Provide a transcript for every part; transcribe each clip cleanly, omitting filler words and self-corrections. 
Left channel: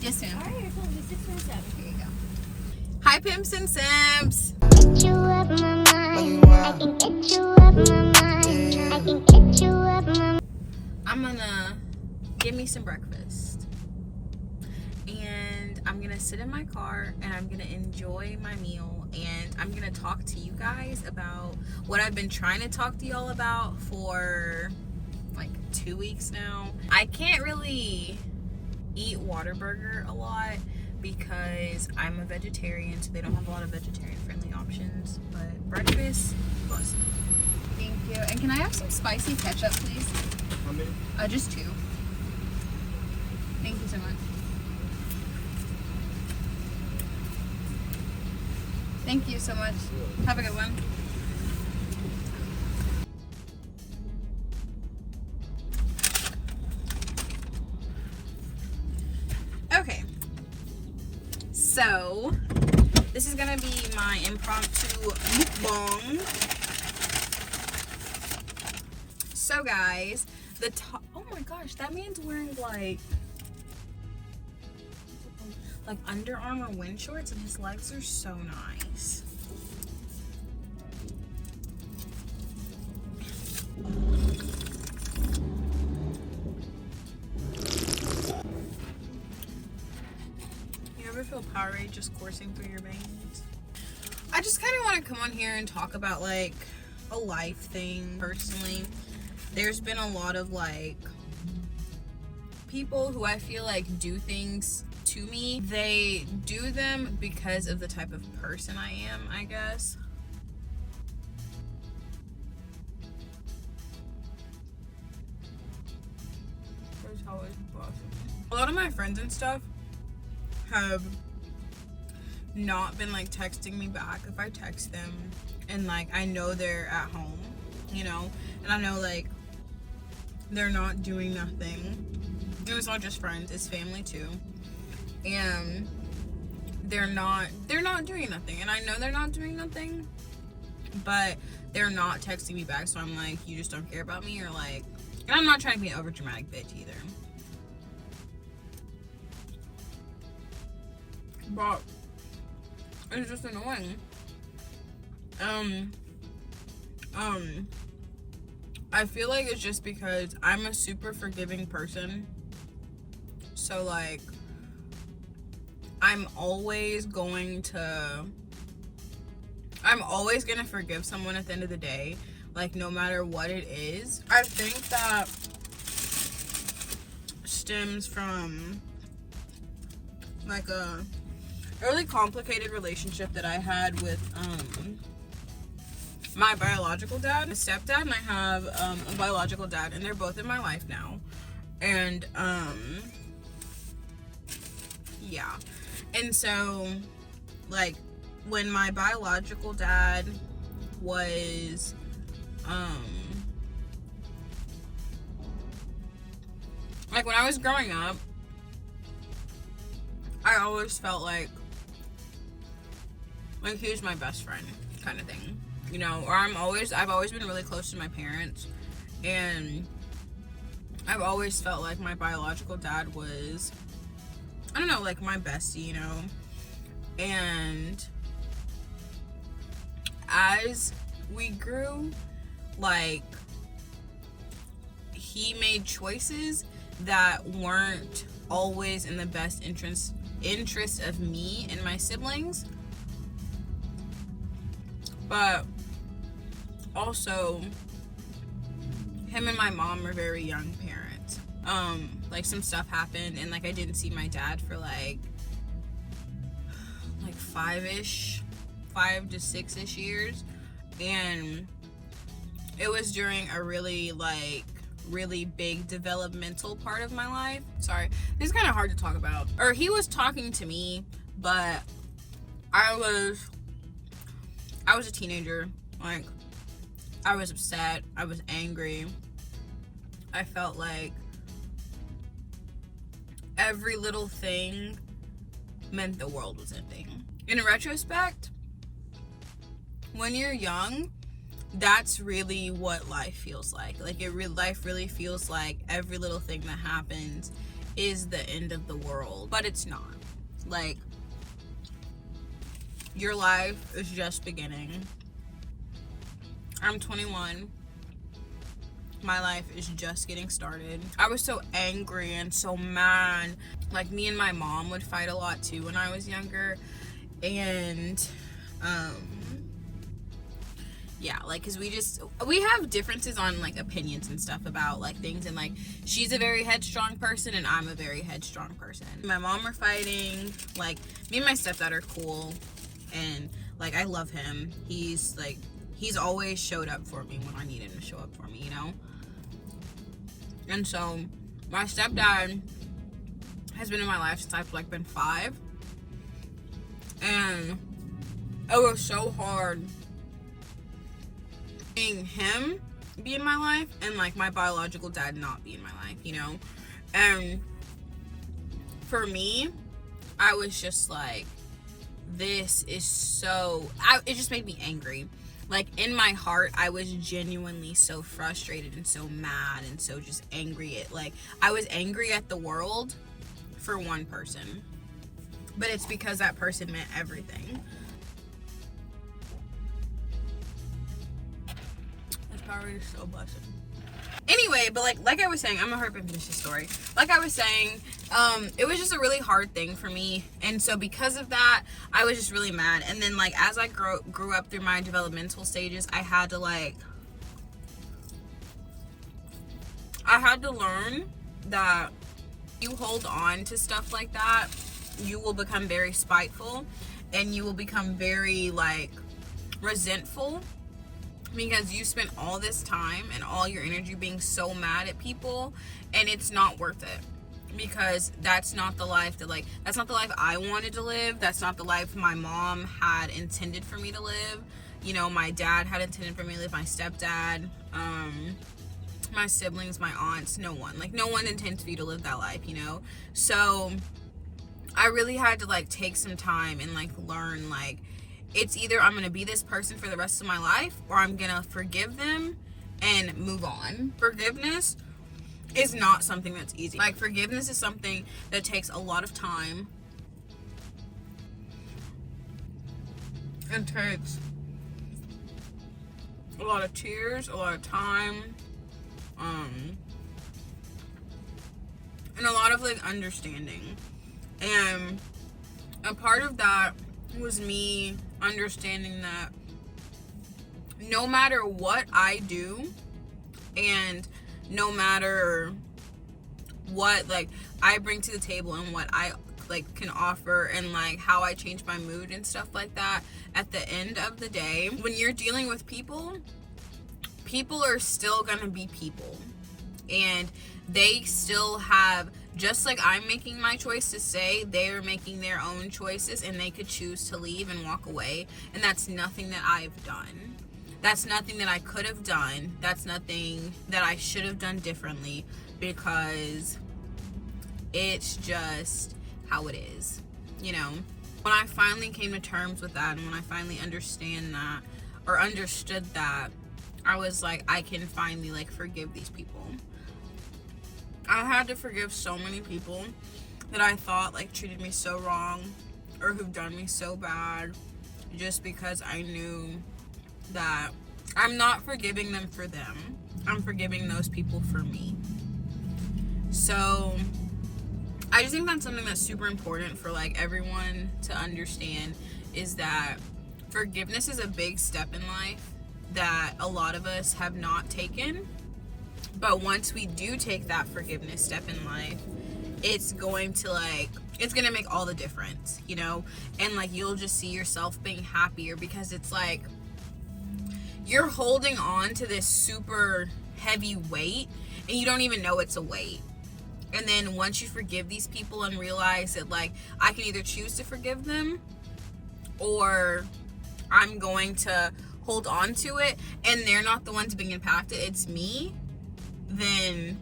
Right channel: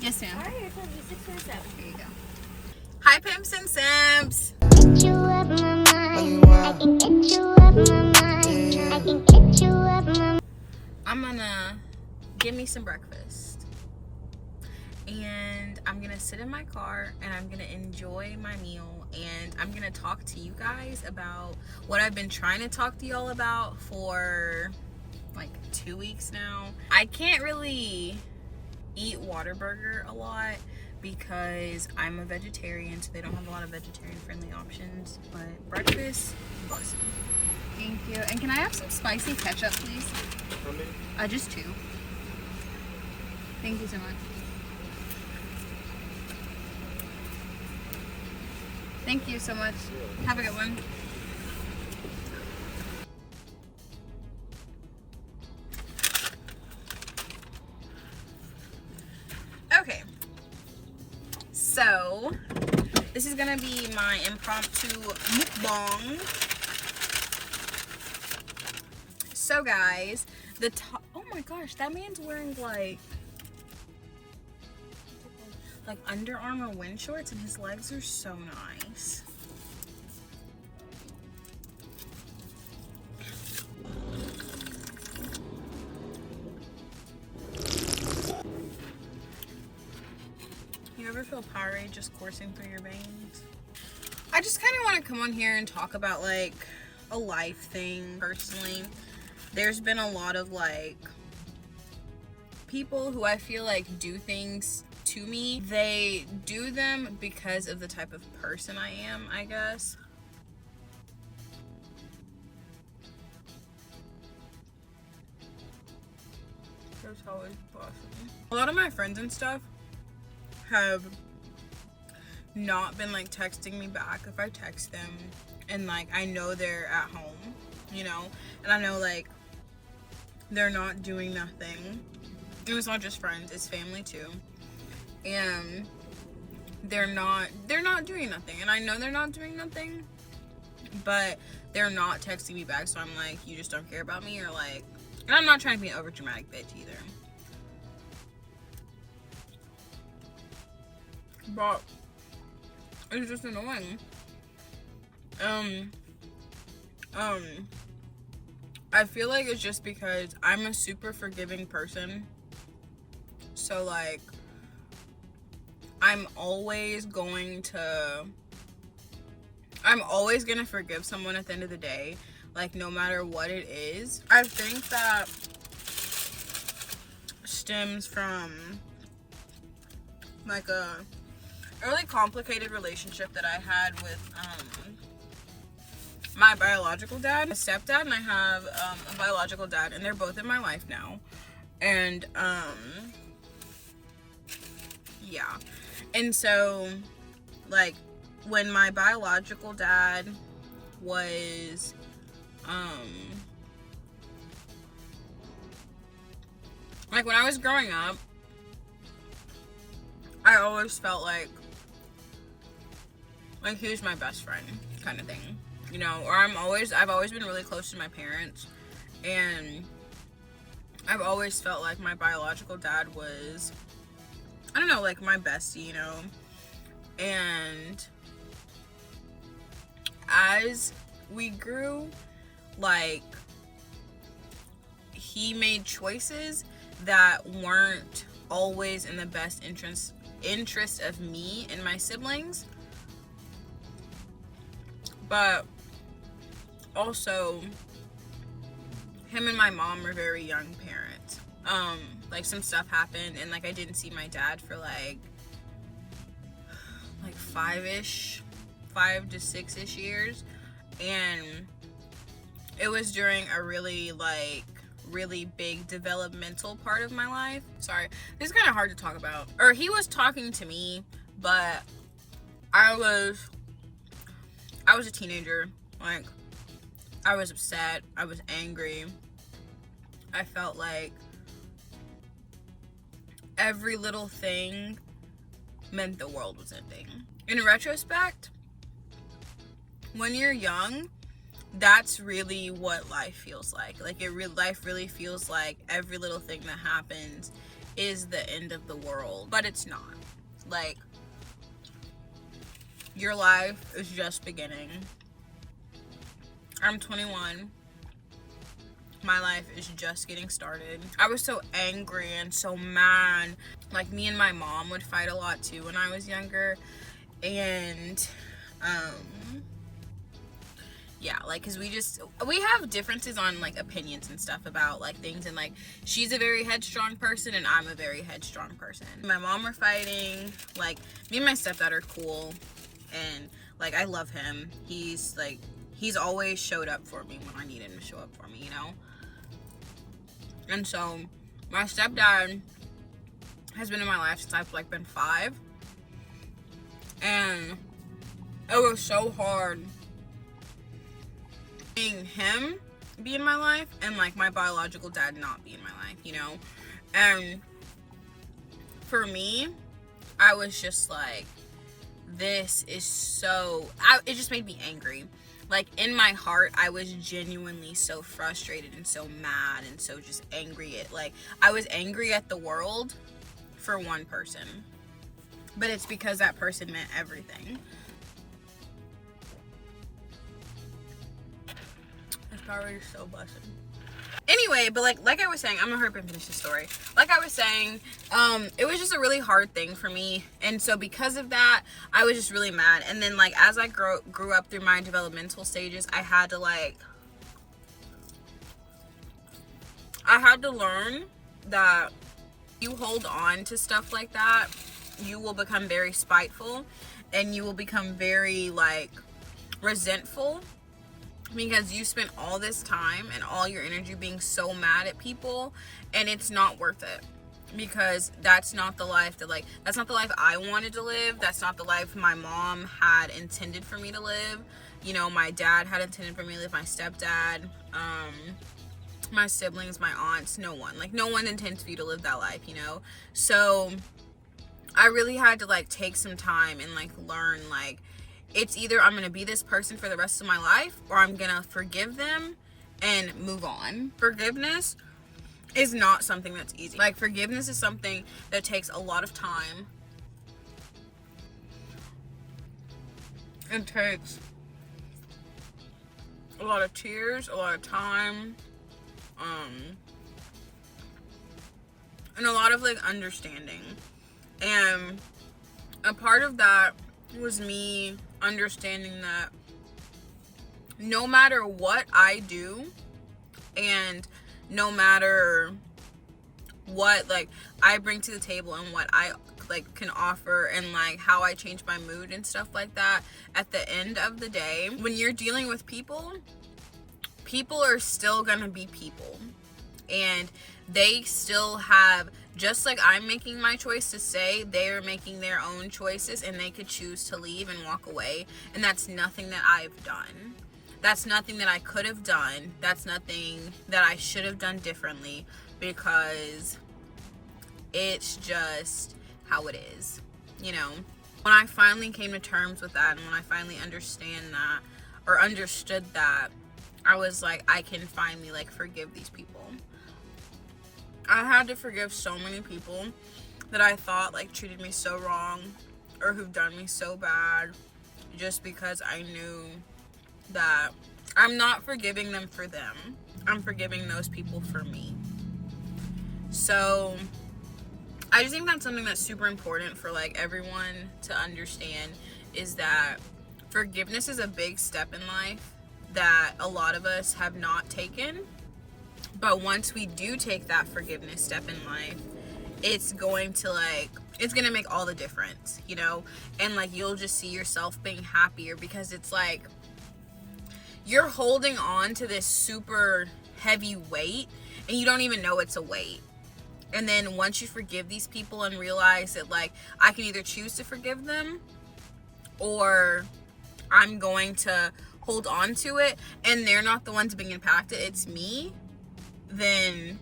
Yes, ma'am. Alright, you're telling me 6 minutes out. Here you go. Hi, pimps and simps. Get you up my mind. I can get you up my mind. I can get you up my mind. I'm gonna get me some breakfast. And I'm gonna sit in my car and I'm gonna enjoy my meal. And I'm gonna talk to you guys about what I've been trying to talk to y'all about for like 2 weeks now. I can't really eat Whataburger a lot because I'm a vegetarian, so they don't have a lot of vegetarian friendly options. But breakfast, awesome. Thank you. And can I have some spicy ketchup, please? Just 2. Thank you so much. Thank you so much. Have a good one. Okay. So, this is gonna be my impromptu mukbang. So guys, the top, oh my gosh, that man's wearing like Under Armour wind shorts and his legs are so nice. You ever feel Powerade just coursing through your veins? I just kind of want to come on here and talk about like a life thing personally. There's been a lot of like people who I feel like do things to me. They do them because of the type of person I am, I guess. That's how it's possible. A lot of my friends and stuff have not been like texting me back if I text them, and like I know they're at home, you know, and I know like they're not doing nothing. And it's not just friends, it's family too. And they're not doing nothing, and I know they're not doing nothing, but they're not texting me back, so I'm like, you just don't care about me, or like, and I'm not trying to be an over dramatic bitch either, but it's just annoying. I feel like it's just because I'm a super forgiving person, so like I'm always gonna forgive someone at the end of the day, like no matter what it is. I think that stems from like a really complicated relationship that I had with my biological dad, a stepdad, and I have a biological dad, and they're both in my life now. And yeah. And so, like, when my biological dad was, like, when I was growing up, I always felt like he was my best friend, kind of thing, you know, or I've always been really close to my parents, and I've always felt like my biological dad was, I don't know, like my bestie, you know. And as we grew, like, he made choices that weren't always in the best interest of me and my siblings, but also him and my mom were very young parents. Like some stuff happened, and like I didn't see my dad for like 5 to 6-ish years, and it was during a really big developmental part of my life. Sorry, this is kind of hard to talk about. Or he was talking to me, but I was a teenager. Like, I was upset, I was angry, I felt like every little thing meant the world was ending. In retrospect, when you're young, that's really what life feels like. Like, life really feels like every little thing that happens is the end of the world, but it's not. Like, your life is just beginning. I'm 21. My life is just getting started. I was so angry and so mad. Like, me and my mom would fight a lot too when I was younger. And yeah, like, because we have differences on, like, opinions and stuff about, like, things, and, like, she's a very headstrong person and I'm a very headstrong person. My mom were fighting. Like, me and my stepdad are cool, and, like, I love him. He's always showed up for me when I need him to show up for me, you know? And so my stepdad has been in my life since I've, like, been 5, and it was so hard seeing him be in my life and, like, my biological dad not be in my life, you know? And for me, I was just like, this is so, it just made me angry. Like, in my heart, I was genuinely so frustrated and so mad and so just angry at, like, I was angry at the world for one person, but it's because that person meant everything. This power is so blessed. Anyway, but like I was saying, I'm gonna hurry up and finish the story. Like I was saying, it was just a really hard thing for me, and so because of that, I was just really mad. And then, like, as I grew up through my developmental stages, I had to learn that you hold on to stuff like that, you will become very spiteful, and you will become very, like, resentful, because you spent all this time and all your energy being so mad at people, and it's not worth it, because that's not the life that, like, that's not the life I wanted to live. That's not the life my mom had intended for me to live. You know, my dad had intended for me to live, my stepdad, my siblings, my aunts, no one intends for you to live that life, you know? So I really had to, like, take some time and, like, learn, like, it's either I'm going to be this person for the rest of my life, or I'm going to forgive them and move on. Forgiveness is not something that's easy. Like, forgiveness is something that takes a lot of time. It takes a lot of tears, a lot of time, and a lot of, like, understanding. And a part of that was me understanding that no matter what I do, and no matter what, like, I bring to the table and what I, like, can offer, and, like, how I change my mood and stuff like that, at the end of the day, when you're dealing with people are still gonna be people, and they still have, just like I'm making my choice to stay, they are making their own choices, and they could choose to leave and walk away. And that's nothing that I've done. That's nothing that I could have done. That's nothing that I should have done differently, because it's just how it is, you know? When I finally came to terms with that, and when I finally understood that, I was like, I can finally, like, forgive these people. I had to forgive so many people that I thought, like, treated me so wrong, or who've done me so bad, just because I knew that I'm not forgiving them for them. I'm forgiving those people for me. So I just think that's something that's super important for, like, everyone to understand, is that forgiveness is a big step in life that a lot of us have not taken. But once we do take that forgiveness step in life, it's going to make all the difference, you know? And, like, you'll just see yourself being happier, because it's like you're holding on to this super heavy weight, and you don't even know it's a weight. And then once you forgive these people and realize that, like, I can either choose to forgive them, or I'm going to hold on to it, and they're not the ones being impacted, it's me, then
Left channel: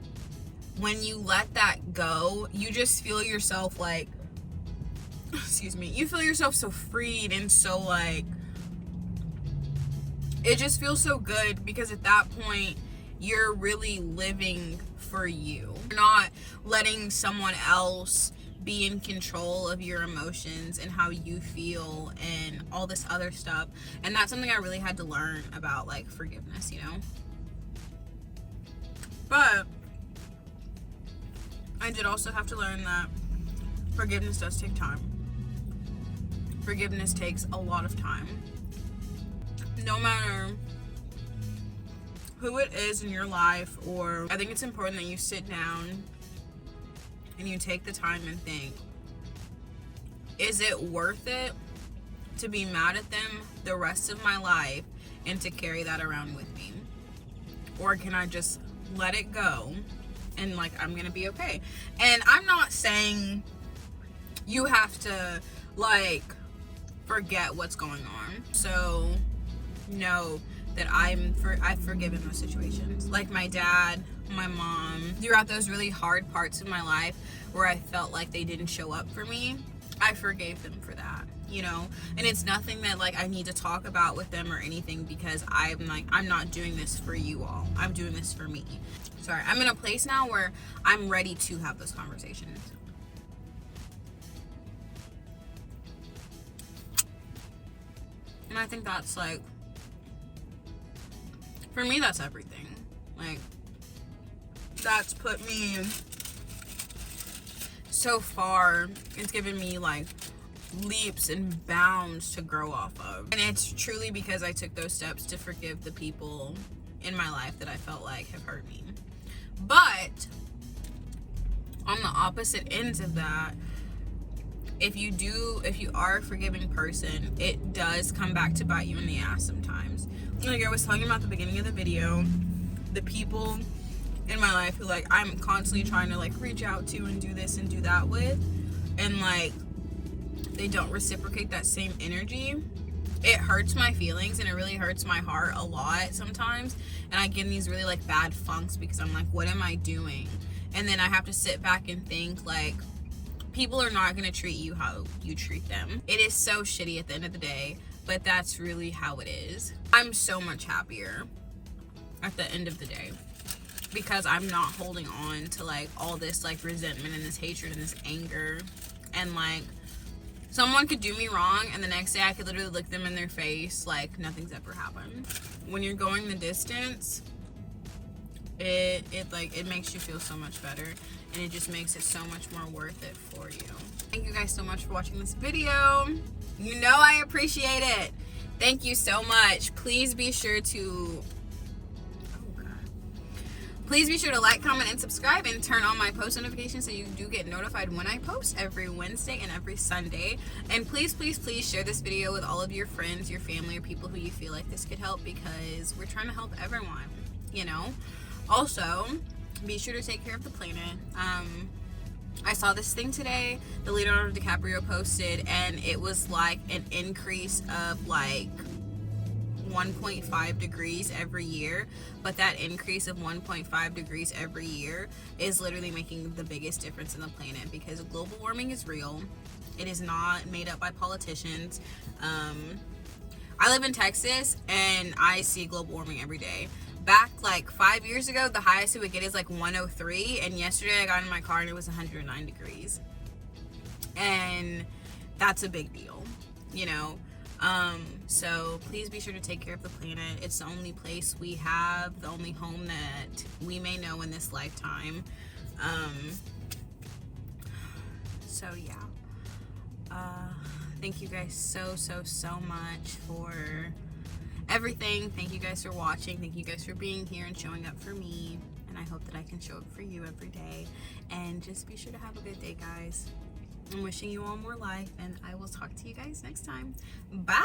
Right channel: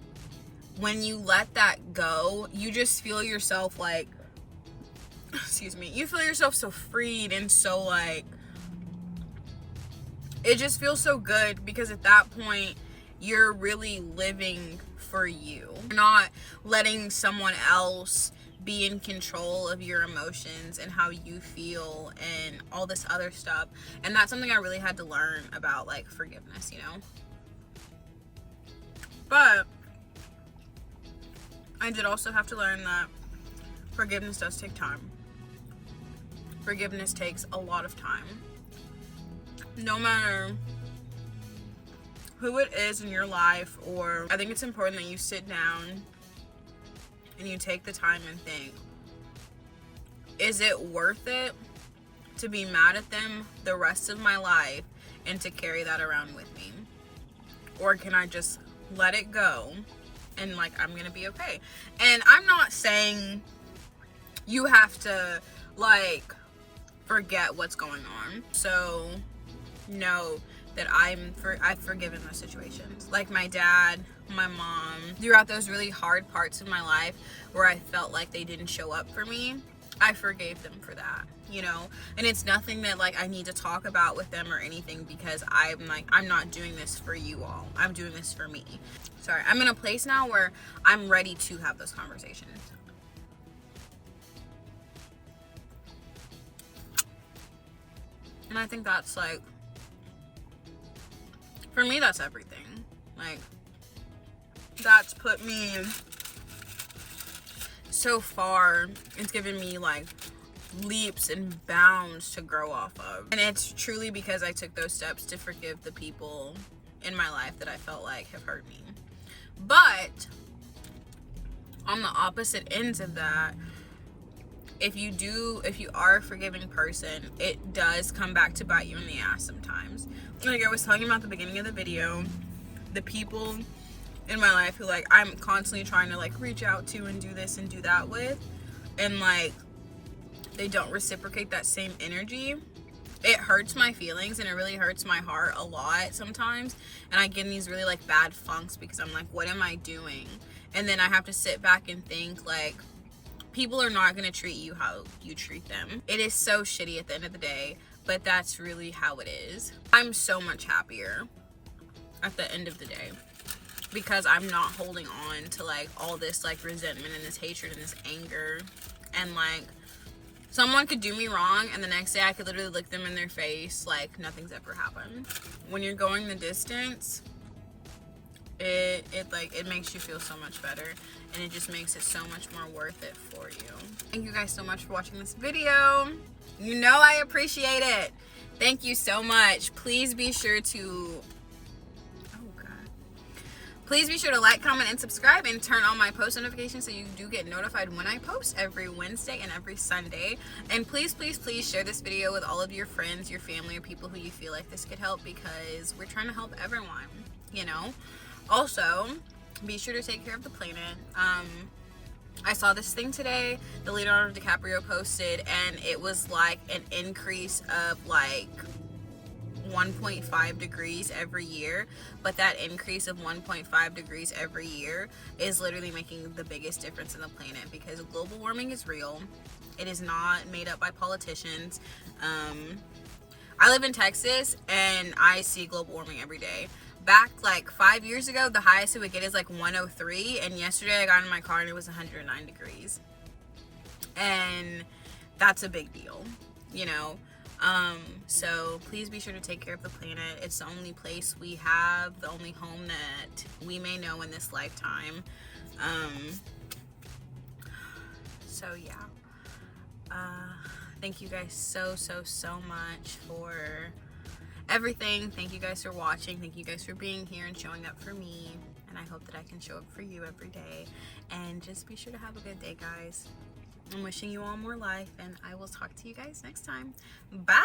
when you let that go, you just feel yourself, like, you feel yourself so freed, and so, like, it just feels so good, because at that point, you're really living for you. You're not letting someone else be in control of your emotions and how you feel and all this other stuff. And that's something I really had to learn about, like, forgiveness, you know? But I did also have to learn that forgiveness does take time. Forgiveness takes a lot of time. No matter who it is in your life, or I think it's important that you sit down and you take the time and think, is it worth it to be mad at them the rest of my life and to carry that around with me? Or can I just let it go and, like, I'm gonna be okay? And I'm not saying you have to, like, forget what's going on. So know that I've forgiven those situations. Like my dad, my mom, throughout those really hard parts of my life where I felt like they didn't show up for me, I forgave them for that, you know? And it's nothing that, like, I need to talk about with them or anything, because I'm not doing this for you all. I'm doing this for me. Sorry, I'm in a place now where I'm ready to have those conversations. And I think that's, like, for me, that's everything. Like, that's put me so far. It's given me, like, leaps and bounds to grow off of. And it's truly because I took those steps to forgive the people in my life that I felt like have hurt me. But on the opposite ends of that, if you are a forgiving person, it does come back to bite you in the ass sometimes. Like I was talking about at the beginning of the video, the people in my life who, like, I'm constantly trying to, like, reach out to and do this and do that with, and, like, they don't reciprocate that same energy, it hurts my feelings and it really hurts my heart a lot sometimes. And I get in these really, like, bad funks because I'm like, what am I doing? And then I have to sit back and think, like, people are not going to treat you how you treat them. It is so shitty at the end of the day, but that's really how it is. I'm so much happier at the end of the day because I'm not holding on to, like, all this, like, resentment and this hatred and this anger. And, like, someone could do me wrong and the next day I could literally look them in their face like nothing's ever happened. When you're going the distance, it makes you feel so much better, and it just makes it so much more worth it for you. Thank you guys so much for watching this video. You know I appreciate it. Thank you so much. Please be sure to like, comment, and subscribe, and turn on my post notifications so you do get notified when I post every Wednesday and every Sunday. And please, please, please share this video with all of your friends, your family, or people who you feel like this could help, because we're trying to help everyone, you know? Also, be sure to take care of the planet. I saw this thing today that Leonardo DiCaprio posted, and it was like an increase of like 1.5 degrees every year, but that increase of 1.5 degrees every year is literally making the biggest difference in the planet, because global warming is real. It is not made up by politicians. I live in Texas and I see global warming every day. Back like 5 years ago, the highest it would get is like 103, and yesterday I got in my car and it was 109 degrees, and that's a big deal, you know? So please be sure to take care of the planet. It's the only place we have, the only home that we may know in this lifetime. So yeah, thank you guys so much for everything. Thank you guys for watching. Thank you guys for being here and showing up for me, and I hope that I can show up for you every day. And just be sure to have a good day, guys. I'm wishing you all more life, and I will talk to you guys next time. Bye.